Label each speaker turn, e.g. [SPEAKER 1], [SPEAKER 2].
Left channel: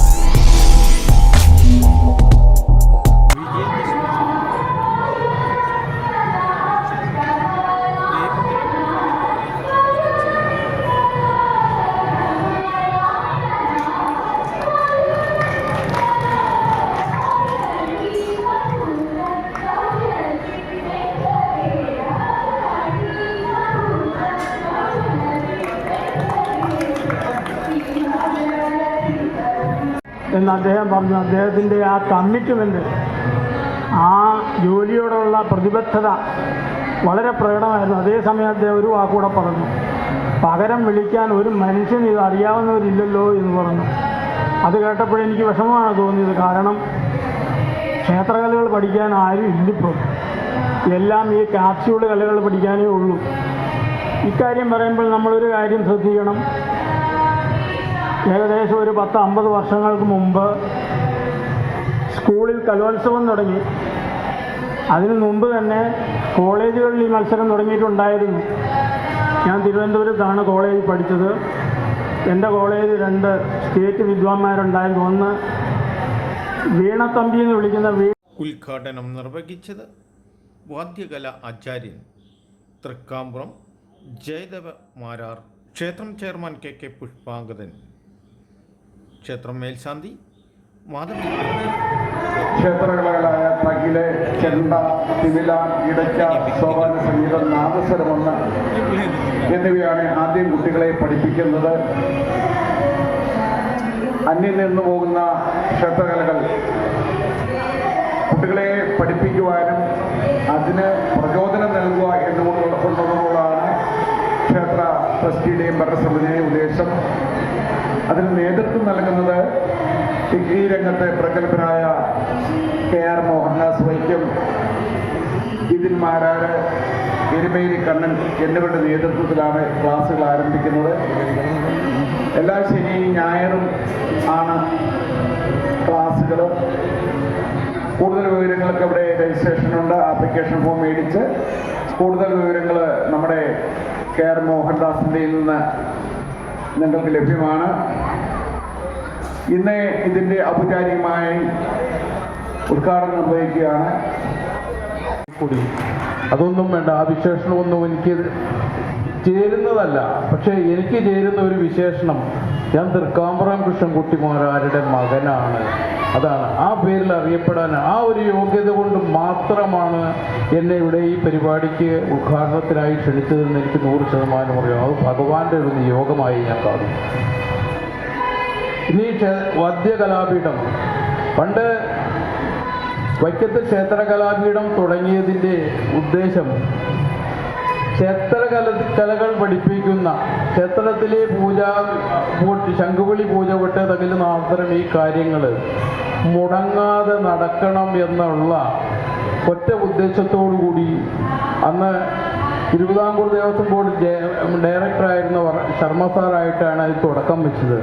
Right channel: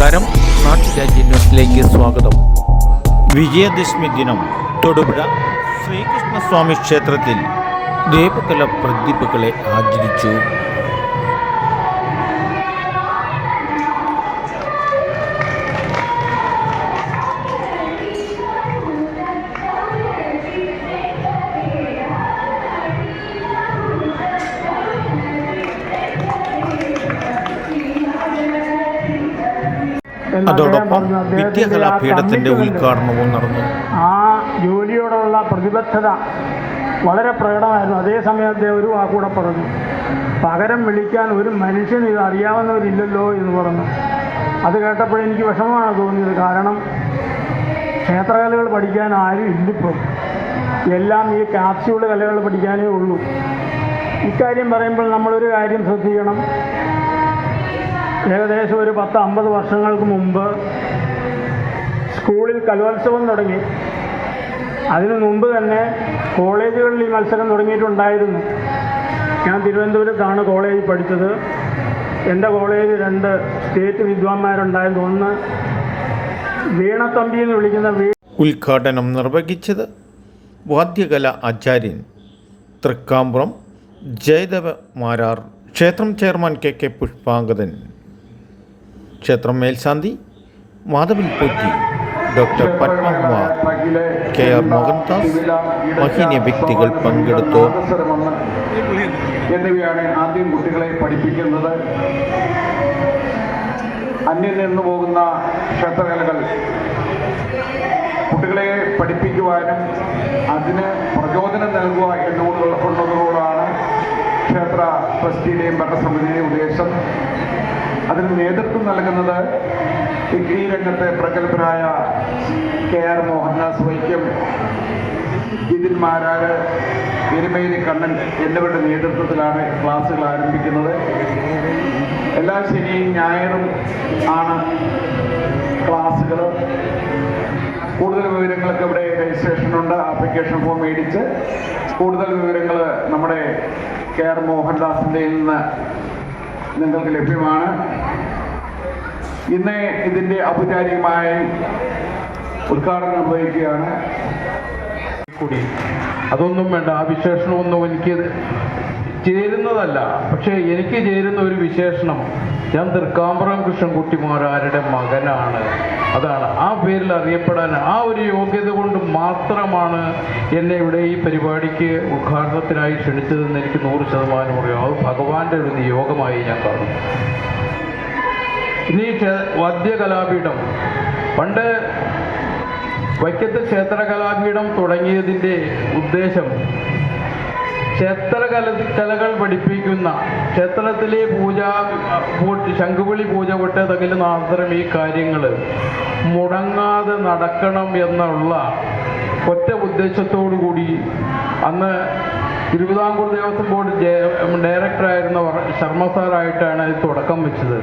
[SPEAKER 1] നമസ്കാരം. ന്യൂസിലേക്ക് സ്വാഗതം. വിജയദശമി ദിനം തൊടുപുഴ ശ്രീകൃഷ്ണസ്വാമി ക്ഷേത്രത്തിൽ ദേവകല പ്രദീപുകളെ ആദരിച്ചു. അതോടൊപ്പം വിദ്യാകലാപീഠത്തിന്റെ ഉദ്ഘാടനവും നടന്നു.
[SPEAKER 2] ആ ജോലിയോടുള്ള പ്രതിബദ്ധത വളരെ പ്രകടമായിരുന്നു. അതേസമയം അദ്ദേഹം ഒരു വാക്കൂടെ പറഞ്ഞു. പകരം വിളിക്കാൻ ഒരു മനുഷ്യൻ ഇത് അറിയാവുന്നവരില്ലല്ലോ എന്ന് പറഞ്ഞു. അത് കേട്ടപ്പോൾ എനിക്ക് വിഷമമാണ് തോന്നിയത്. കാരണം ക്ഷേത്രകലകൾ പഠിക്കാൻ ആരും ഇല്ലിപ്പോൾ എല്ലാം ഈ കാപ്സ്യൂൾ കലകൾ പഠിക്കാനേ ഉള്ളൂ. ഇക്കാര്യം പറയുമ്പോൾ നമ്മളൊരു കാര്യം ശ്രദ്ധിക്കണം. ഏകദേശം ഒരു പത്ത് അമ്പത് വർഷങ്ങൾക്ക് മുമ്പ് സ്കൂളിൽ കലോത്സവം തുടങ്ങി. അതിനു മുമ്പ് തന്നെ കോളേജുകളിൽ ഈ മത്സരം തുടങ്ങിയിട്ടുണ്ടായിരുന്നു ഞാൻ തിരുവനന്തപുരത്താണ് കോളേജിൽ പഠിച്ചത്. എന്റെ കോളേജിൽ രണ്ട് സ്റ്റേറ്റ് വിദ്വാൻമാരുണ്ടായിരുന്നു ഒന്ന് വീണത്തമ്പി എന്ന് വിളിക്കുന്ന
[SPEAKER 1] ഉദ്ഘാടനം നിർവഹിച്ചത് വാദ്യകല ആചാര്യൻ തൃക്കാമ്പുറം ജയദേവ മാരാർ ക്ഷേത്രം ചെയർമാൻ കെ കെ പുഷ്പാങ്കദൻ. ക്ഷേത്രം മേൽശാന്തി Madhavan Potti doctor Padmakumar K R Mohandas മഹീന വ്യക്തികൾ പങ്കെടുത്തു.
[SPEAKER 3] എന്നിവയാണ് ആദ്യം കുട്ടികളെ പഠിപ്പിക്കുന്നത്. അന്യം നിന്നു പോകുന്ന ക്ഷേത്രകലകൾ കുട്ടികളെ പഠിപ്പിക്കുവാനും അതിന് പ്രചോദനം നൽകുക എന്നുള്ളതോടാണ് ക്ഷേത്ര ട്രസ്റ്റിയുടെയും ഭരണസമിതിയുടെയും ഉദ്ദേശം. അതിന് നേതൃത്വം നൽകുന്നത് ഡിഗ്രി രംഗത്തെ പ്രഗത്ഭനായ കെ ആർ മോഹൻദാസ് വൈക്കം ജിതിൻ മാരാര് എരുമേലി കണ്ണൻ എന്നിവരുടെ നേതൃത്വത്തിലാണ് ക്ലാസ്സുകൾ ആരംഭിക്കുന്നത്. എല്ലാ ശനിയും ഞായറും ആണ് ക്ലാസ്സുകൾ. കൂടുതൽ വിവരങ്ങൾക്ക് ഇവിടെ രജിസ്ട്രേഷൻ ഉണ്ട് ആപ്ലിക്കേഷൻ ഫോം മേടിച്ച് കൂടുതൽ വിവരങ്ങൾ നമ്മുടെ കെ ആർ മോഹൻദാസിന്റെ നിന്ന് നിങ്ങൾക്ക് ലഭ്യമാണ്. ഇന്ന് ഇതിന്റെ ഔപചാരികമായി ഉദ്ഘാടനം നിർവഹിക്കുകയാണ്.
[SPEAKER 4] കൂടി. അതൊന്നും വേണ്ട ആ വിശേഷണമൊന്നും എനിക്ക് ചേരുന്നതല്ല. പക്ഷേ എനിക്ക് ചേരുന്ന ഒരു വിശേഷണം ഞാൻ തൃക്കാമ്പുറം കൃഷ്ണൻകുട്ടിമാരാരുടെ മകനാണ്. അതാണ്. ആ പേരിൽ അറിയപ്പെടാൻ ആ ഒരു യോഗ്യത കൊണ്ട് മാത്രമാണ് എന്നെ ഇവിടെ ഈ പരിപാടിക്ക് ഉദ്ഘാടനത്തിനായി ക്ഷണിച്ചതെന്ന് എനിക്ക് നൂറ് ശതമാനം അറിയാം. അത് ഭഗവാന്റെ ഒരു നിയോഗമായി ഞാൻ കാണുന്നു ഇനി വദ്യകലാപീഠം. പണ്ട് വൈക്കത്ത് ക്ഷേത്ര കലാപീഠം തുടങ്ങിയതിന്റെ ഉദ്ദേശം ക്ഷേത്രകല കലകൾ പഠിപ്പിക്കുന്ന ക്ഷേത്രത്തിലെ പൂജ ശംഖുവിളി പൂജ തകൽ മാത്രം ഈ കാര്യങ്ങൾ മുടങ്ങാതെ നടക്കണം എന്നുള്ള ഒറ്റ ഉദ്ദേശത്തോടു കൂടി അന്ന് തിരുവിതാംകൂർ ദേവസ്വം ബോർഡ് ഡയറക്ടറായിരുന്ന ശർമ്മ സാറായിട്ടാണ് ഇത് തുടക്കം വെച്ചത്.